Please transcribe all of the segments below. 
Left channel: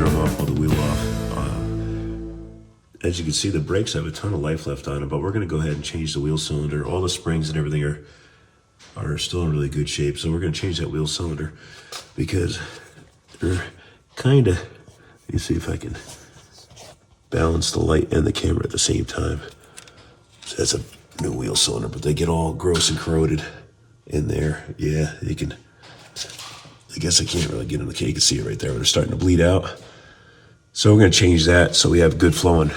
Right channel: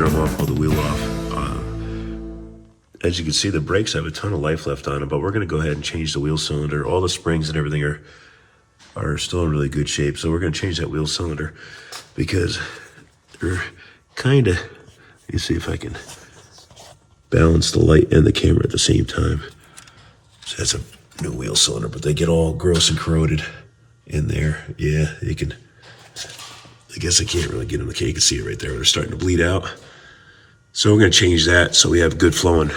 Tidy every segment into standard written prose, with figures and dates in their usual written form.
drum off, pull the wheel off. As you can see, the brakes have a ton of life left on them, but we're going to go ahead and change the wheel cylinder. All the springs and everything are still in really good shape, so we're going to change that wheel cylinder because they're kind of, let me see if I can balance the light and the camera at the same time. So that's a new wheel cylinder, but they get all gross and corroded in there. Yeah, you can, I guess I can't really get them. You can see it right there. They're starting to bleed out. So we're going to change that so we have good flowing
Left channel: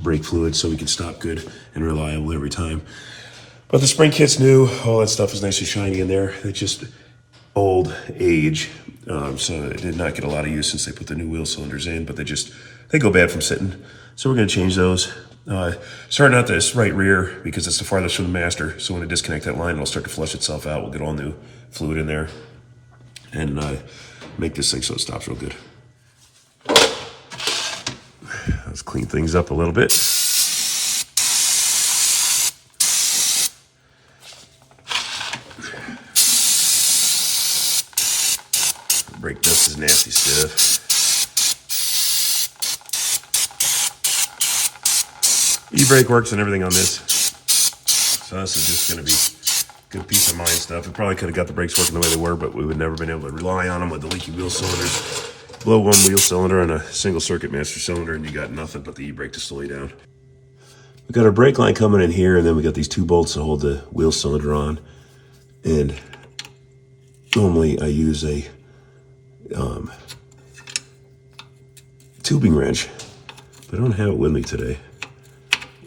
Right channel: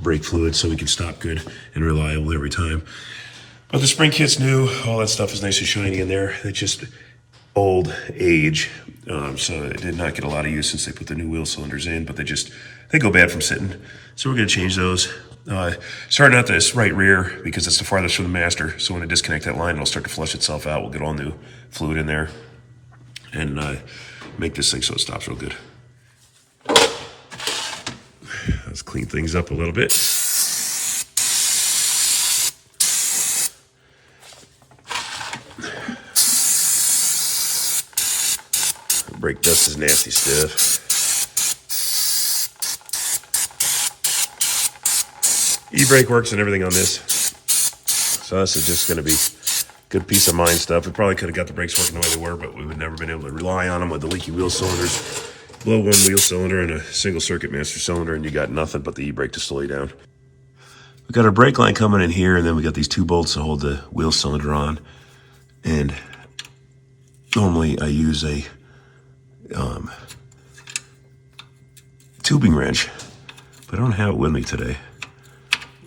brake fluid so we can stop good and reliable every time. But the spring kit's new. All that stuff is nice and shiny in there. It's just old age. So it did not get a lot of use since they put the new wheel cylinders in, but they go bad from sitting. So we're going to change those. Starting out this right rear because it's the farthest from the master. So when I disconnect that line, it'll start to flush itself out. We'll get all new fluid in there and make this thing so it stops real good. Let's clean things up a little bit. Brake dust is nasty stiff. E-brake works and everything on this. So this is just going to be good peace of mind stuff. We probably could have got the brakes working the way they were, but we would never been able to rely on them with the leaky wheel cylinders. Blow one wheel cylinder and a single circuit master cylinder and you got nothing but the e-brake to slow you down. We got our brake line coming in here, and then we got these two bolts to hold the wheel cylinder on. And normally I use a tubing wrench, but I don't have it with me today.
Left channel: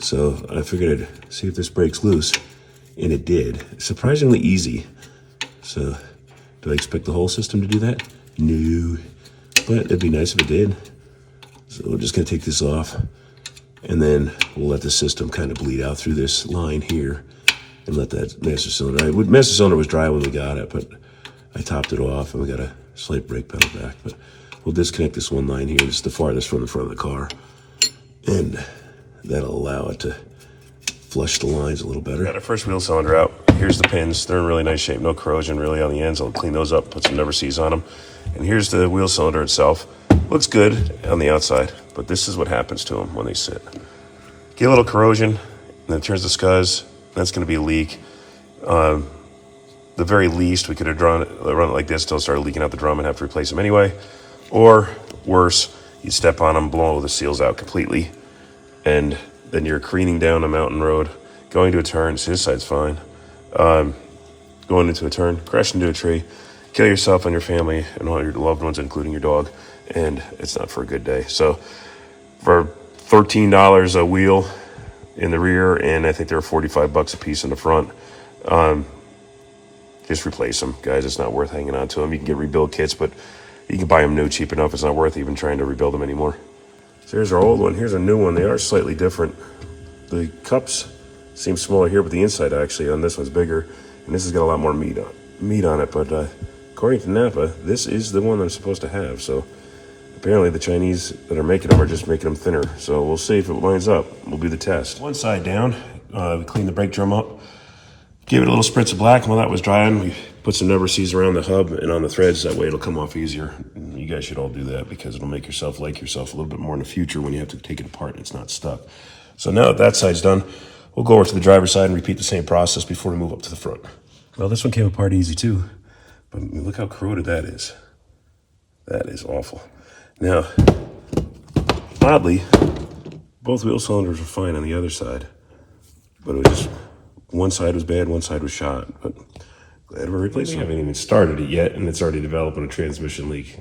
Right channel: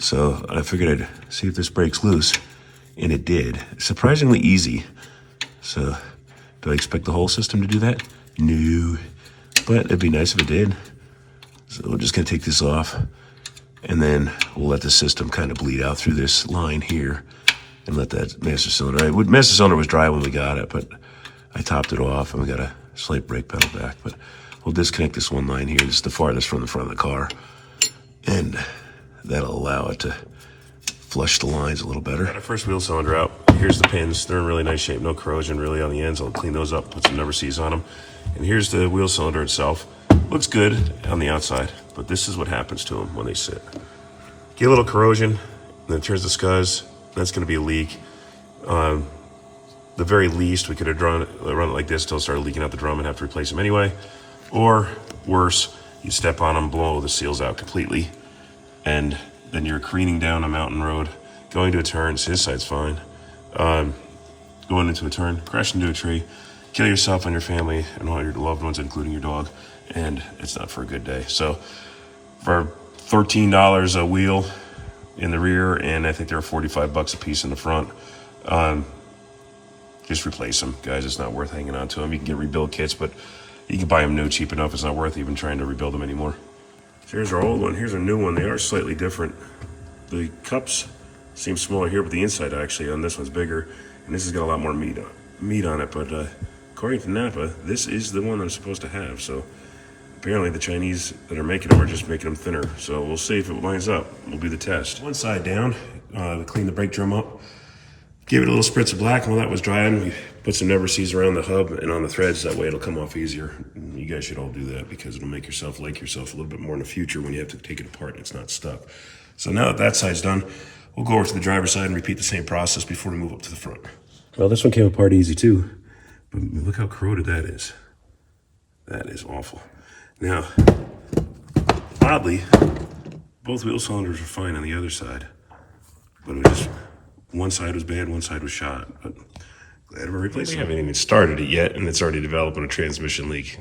So I figured I'd see if this breaks loose, and it did. Surprisingly easy. So do I expect the whole system to do that? No, but it'd be nice if it did. So we're just gonna take this off, and then we'll let the system kind of bleed out through this line here and let that master cylinder, master cylinder was dry when we got it, but I topped it off and we got a slight brake pedal back. But we'll disconnect this one line here. This is the farthest from the front of the car, and that'll allow it to flush the lines a little better. Got our first wheel cylinder out. Here's the pins. They're in really nice shape. No corrosion really on the ends. I'll clean those up, put some never sees on them. And here's the wheel cylinder itself. Looks good on the outside, but this is what happens to them when they sit. Get a little corrosion, and then it turns to scuzz. That's going to be a leak. The very least, we could have run it like this until it started leaking out the drum and have to replace them anyway. Or worse, you step on them, blow the seals out completely, and then you're careening down a mountain road, going to a turn. See, this side's fine. Going into a turn, crash into a tree, kill yourself and your family and all your loved ones, including your dog, and it's not for a good day. So for $13 a wheel in the rear, and I think they're $45 a piece in the front, just replace them, guys. It's not worth hanging on to them. You can get rebuild kits, but you can buy them new cheap enough. It's not worth even trying to rebuild them anymore. So here's our old one. Here's a new one. They are slightly different. The cups seem smaller here, but the inside actually on this one's bigger, and this has got a lot more meat on it. But according to Napa, this is the one that I'm supposed to have. So apparently the Chinese that are making them are just making them thinner. So we'll see if it lines up. We'll do the test. One side down, we cleaned the brake drum up, gave it a little spritz of black. While that was drying, we put some never sees around the hub and on the threads. That way it'll come off easier. And you guys should all do that because it'll make yourself like yourself a little bit more in the future when you have to take it apart and it's not stuck. So now that that side's done, we'll go over to the driver's side and repeat the same process before we move up to the front. Well, this one came apart easy too, but look how corroded that is. That is awful. Now, oddly, both wheel cylinders were fine on the other side, but it was just one side was bad, one side was shot. But glad we're replacing it. We haven't even started it yet, and it's already developing a transmission leak.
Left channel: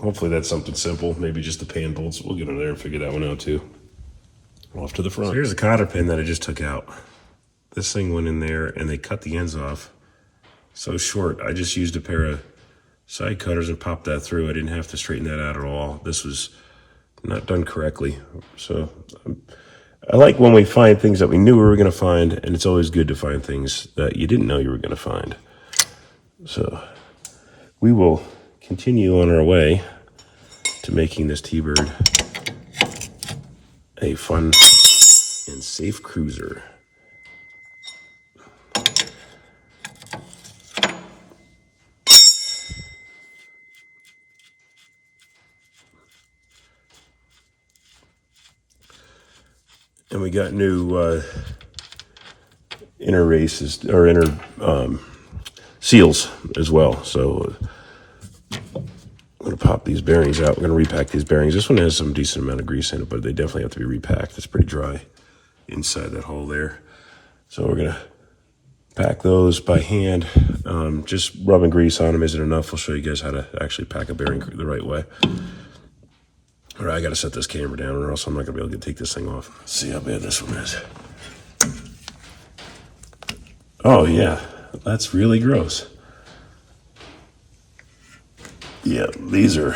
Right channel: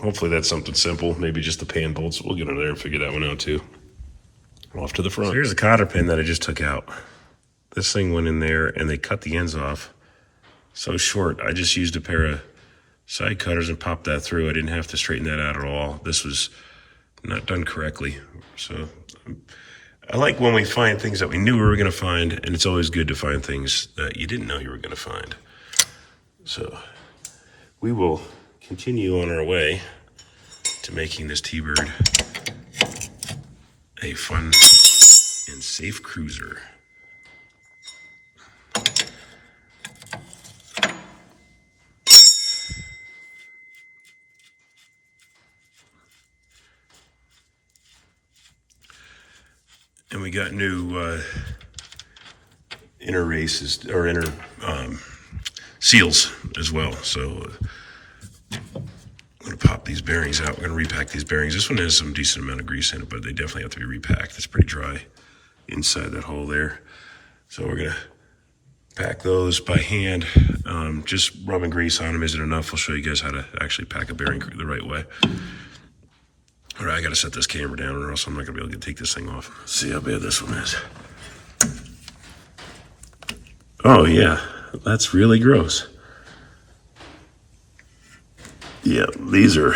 Hopefully that's something simple, maybe just the pan bolts. We'll get in there and figure that one out too. Off to the front. So here's a cotter pin that I just took out. This thing went in there, and they cut the ends off so short. I just used a pair of side cutters and popped that through. I didn't have to straighten that out at all. This was not done correctly. So I like when we find things that we knew we were going to find, and it's always good to find things that you didn't know you were going to find. So we will continue on our way to making this T-Bird a fun and safe cruiser. And we got new inner races or inner seals as well. So I'm gonna pop these bearings out. We're gonna repack these bearings. This one has some decent amount of grease in it, but they definitely have to be repacked. It's pretty dry inside that hole there. So we're gonna pack those by hand. Just rubbing grease on them isn't enough. I'll show you guys how to actually pack a bearing the right way. All right, I gotta set this camera down or else I'm not gonna be able to take this thing off. Let's see how bad this one is. Oh yeah, that's really gross. Yeah, these are,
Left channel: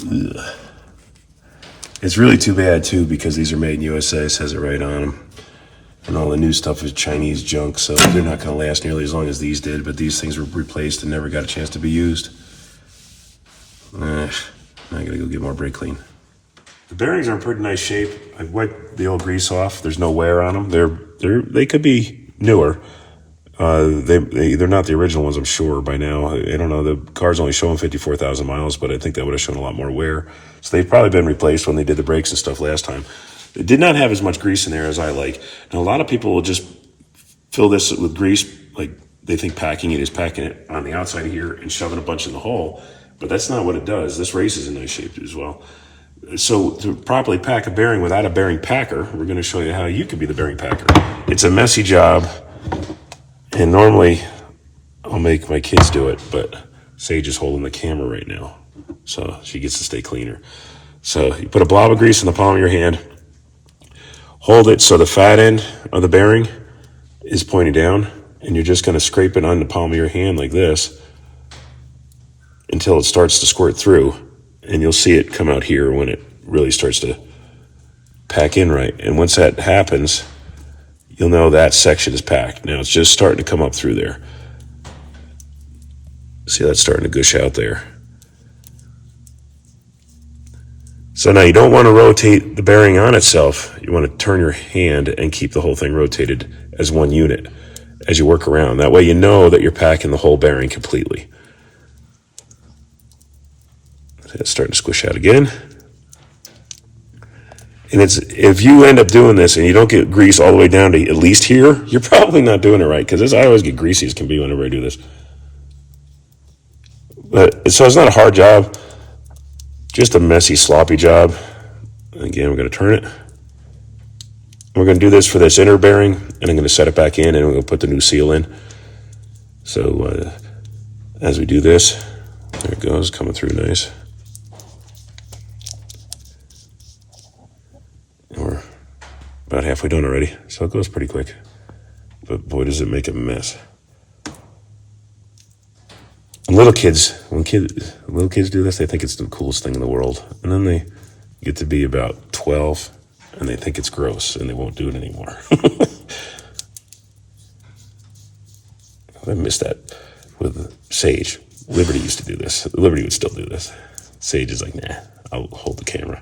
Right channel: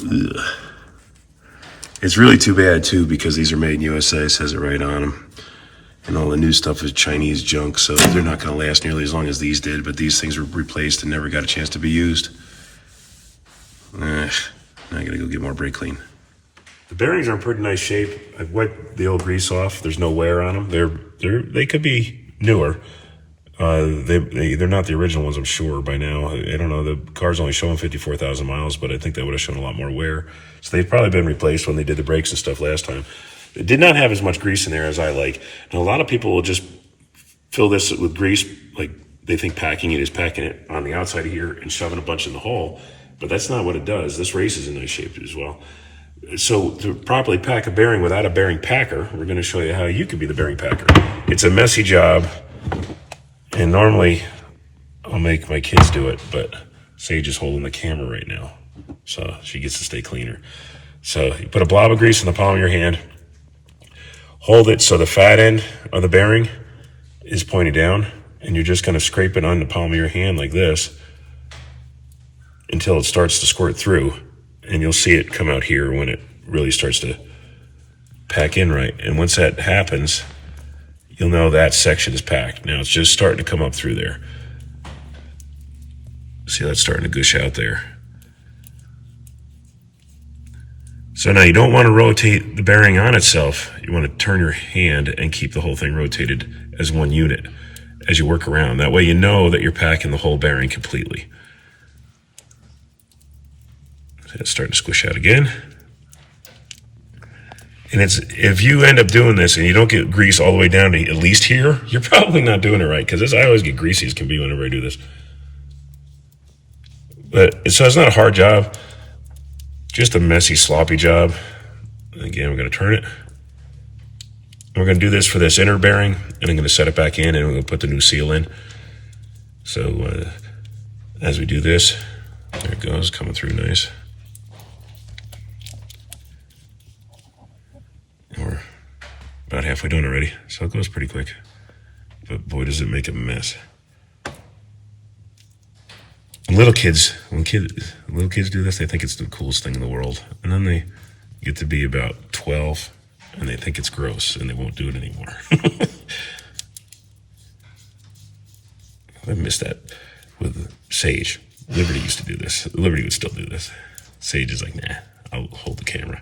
ugh. It's really too bad too because these are made in USA, it says it right on them. And all the new stuff is Chinese junk, so they're not gonna last nearly as long as these did, but these things were replaced and never got a chance to be used. I gotta go get more brake clean. The bearings are in pretty nice shape. I've wiped the old grease off. There's no wear on them. They could be newer. They're not the original ones, I'm sure, by now. I don't know, the car's only showing 54,000 miles, but I think that would have shown a lot more wear. So they've probably been replaced when they did the brakes and stuff last time. It did not have as much grease in there as I like. And a lot of people will just fill this with grease, like they think packing it is packing it on the outside of here and shoving a bunch in the hole, but that's not what it does. This race is in nice shape as well. So to properly pack a bearing without a bearing packer, we're gonna show you how you can be the bearing packer. It's a messy job. And normally, I'll make my kids do it, but Sage is holding the camera right now, so she gets to stay cleaner. So you put a blob of grease in the palm of your hand, hold it so the fat end of the bearing is pointing down, and you're just gonna scrape it on the palm of your hand like this until it starts to squirt through, and you'll see it come out here when it really starts to pack in right. And once that happens, you'll know that section is packed. Now it's just starting to come up through there. See how it's starting to gush out there. So now you don't want to rotate the bearing on itself. You want to turn your hand and keep the whole thing rotated as one unit as you work around. That way you know that you're packing the whole bearing completely. See, it's starting to squish out again. And if you end up doing this and you don't get grease all the way down to at least here, you're probably not doing it right, because I always get greasy as can be whenever I do this. But so it's not a hard job, just a messy, sloppy job. Again, we're going to turn it. We're going to do this for this inner bearing, and I'm going to set it back in, and we're going to put the new seal in. So as we do this, there it goes, coming through nice. We're about halfway done already, so it goes pretty quick. But boy, does it make a mess. And little kids, when little kids do this, they think it's the coolest thing in the world. And then they get to be about 12, and they think it's gross, and they won't do it anymore. I miss that with Sage. Liberty used to do this. Liberty would still do this. Sage is like, nah, I'll hold the camera.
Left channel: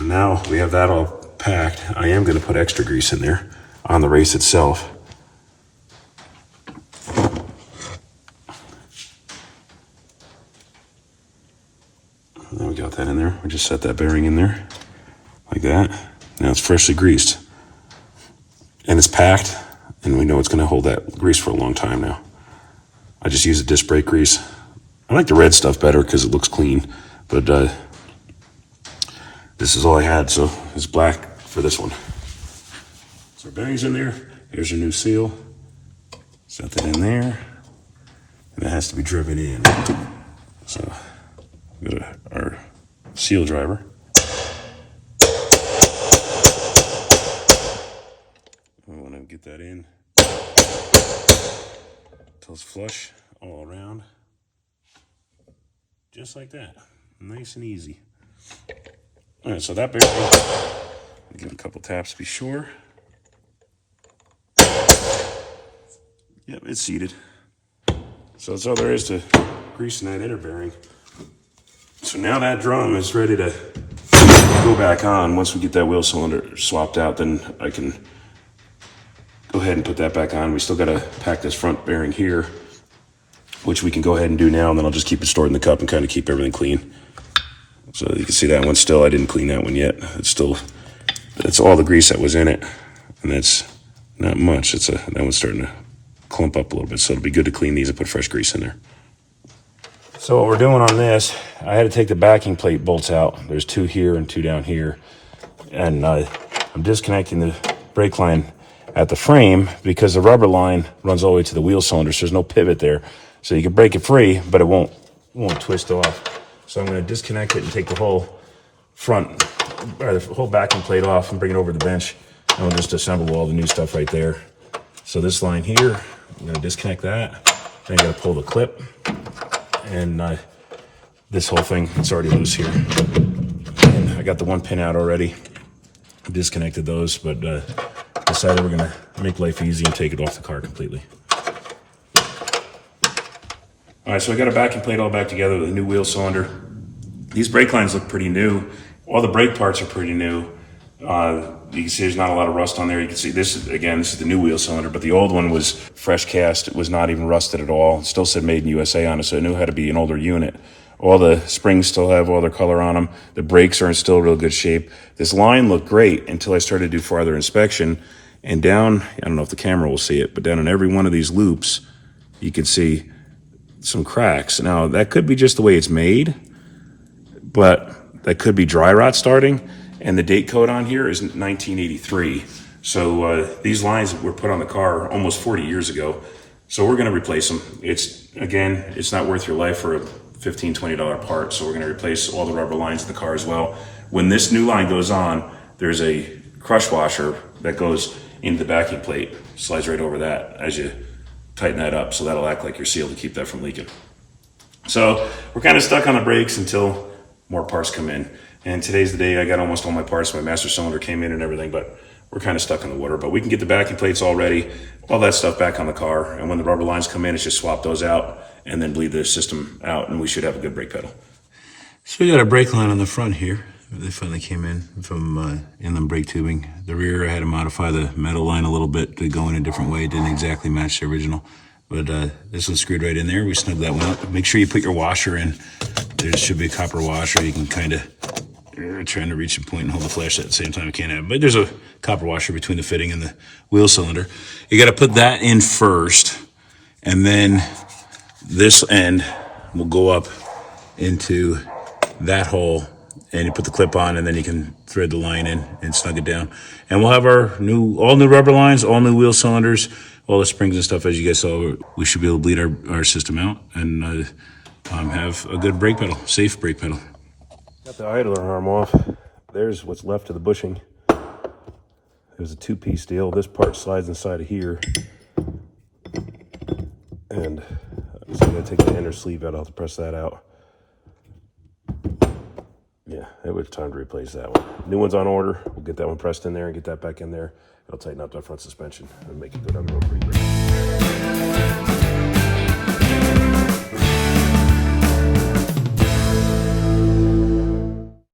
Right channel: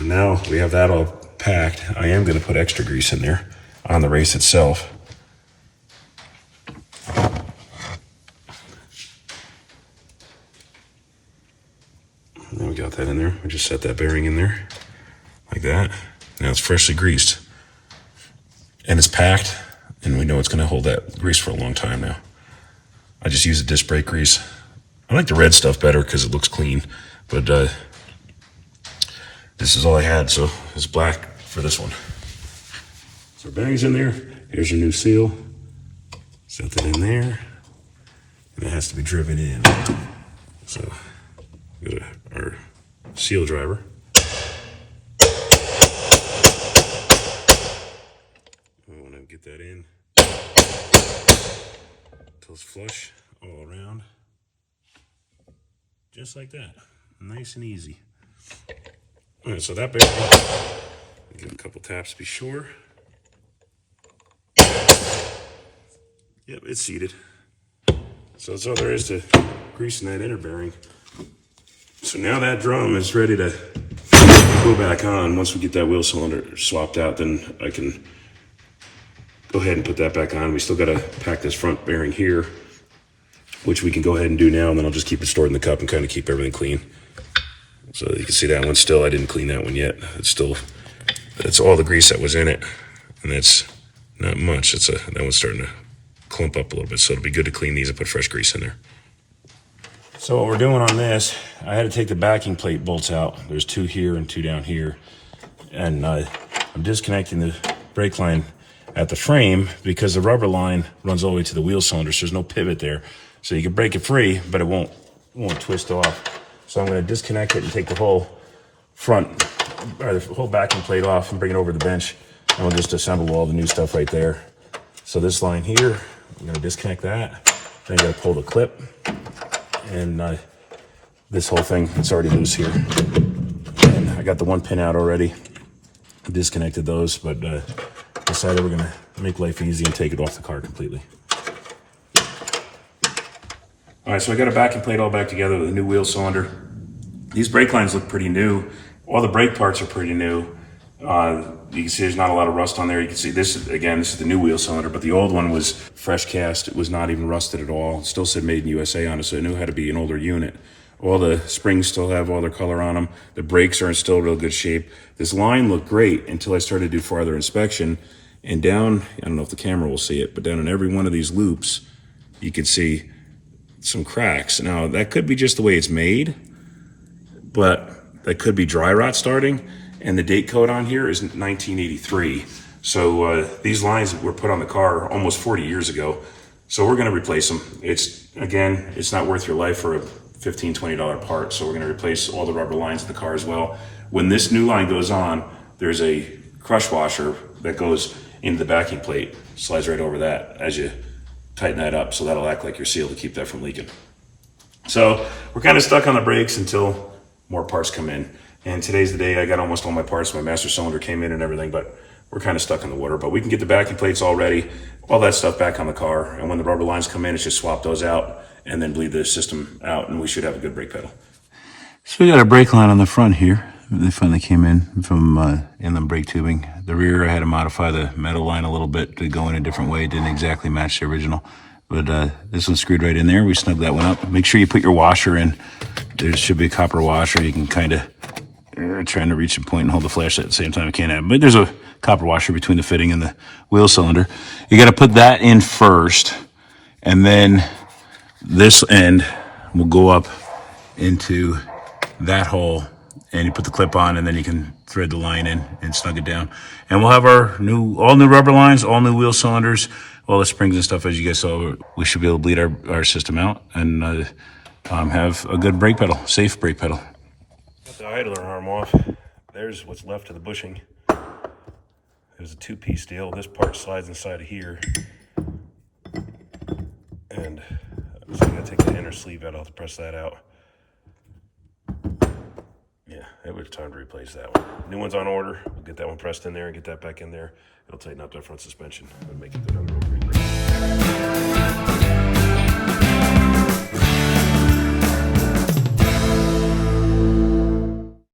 Now we have that all packed. I am going to put extra grease in there on the race itself. Then we got that in there. We just set that bearing in there like that. Now it's freshly greased. And it's packed, and we know it's going to hold that grease for a long time now. I just use a disc brake grease. I like the red stuff better because it looks clean, but this is all I had, so it's black for this one. So our bearing's in there. Here's your new seal. Set that in there. And it has to be driven in. So go to our seal driver. We want to get that in until it's flush all around. Just like that. Nice and easy. All right, so that bearing, give it a couple taps to be sure. Yep, it's seated. So that's all there is to greasing that inner bearing. So now that drum is ready to go back on. Once we get that wheel cylinder swapped out, then I can go ahead and put that back on. We still got to pack this front bearing here, which we can go ahead and do now, and then I'll just keep it stored in the cup and kind of keep everything clean. So you can see that one still, I didn't clean that one yet. It's still That's all the grease that was in it, and that's not much. That one's starting to clump up a little bit, so it'll be good to clean these and put fresh grease in there. So what we're doing on this, I had to take the backing plate bolts out. There's 2 here and 2 down here, and I'm disconnecting the brake line at the frame because the rubber line runs all the way to the wheel cylinder, so there's no pivot there. So you can break it free, but it won't twist off. So I'm going to disconnect it and take the whole front, or the whole backing plate off and bring it over to the bench, and we'll just assemble all the new stuff right there. So this line here, I'm going to disconnect that. Then I got to pull the clip, and this whole thing, it's already loose here. And I got the 1 pin out already. Disconnected those, but decided we're going to make life easy and take it off the car completely. All right, so I got a backing plate all back together with a new wheel cylinder. These brake lines look pretty new. All the brake parts are pretty new. You can see there's not a lot of rust on there. You can see this is the new wheel cylinder, but the old one was fresh cast. It was not even rusted at all. It still said made in USA on it, so it knew how to be an older unit. All the springs still have all their color on them. The brakes are in still real good shape. This line looked great until I started to do farther inspection. And down, I don't know if the camera will see it, but down in every one of these loops, you can see some cracks. Now, that could be just the way it's made, but that could be dry rot starting. And the date code on here is 1983. So these lines were put on the car almost 40 years ago. So we're going to replace them. It's not worth your life for a $15, $20 part. So we're going to replace all the rubber lines in the car as well. When this new line goes on, there's a crush washer that goes into the backing plate, slides right over that as you tighten that up. So that'll act like your seal to keep that from leaking. So we're kind of stuck on the brakes until more parts come in. And today's the day I got almost all my parts. My master cylinder came in and everything, but we're kind of stuck in the water. But we can get the backing plates all ready, all that stuff back on the car. And when the rubber lines come in, it's just swap those out and then bleed the system out, and we should have a good brake pedal. So we got a brake line on the front here. They finally came in from inland brake tubing. The rear, I had to modify the metal line a little bit to go in a different way. It didn't exactly match the original. But this one's screwed right in there. We snug that one up. Make sure you put your washer in. There should be a copper washer. You can kind of trying to reach a point and hold the flashlight at the same time. I can't have it. But there's a copper washer between the fitting and the wheel cylinder. You got to put that in first, and then this end will go up into that hole, and you put the clip on, and then you can thread the line in and snug it down. And we'll have our all new rubber lines, all new wheel cylinders, all the springs and stuff. As you guys saw, we should be able to bleed our system out and have a good brake pedal, safe brake pedal. Got the idler arm off. There's what's left of the bushing. There's a 2-piece deal. This part slides inside of here. And so I'm going to take the inner sleeve out. I'll have to press that out. Yeah, it was time to replace that one. New one's on order. We'll get that one pressed in there and get that back in there. It'll tighten up that front suspension and make it go down the road pretty great.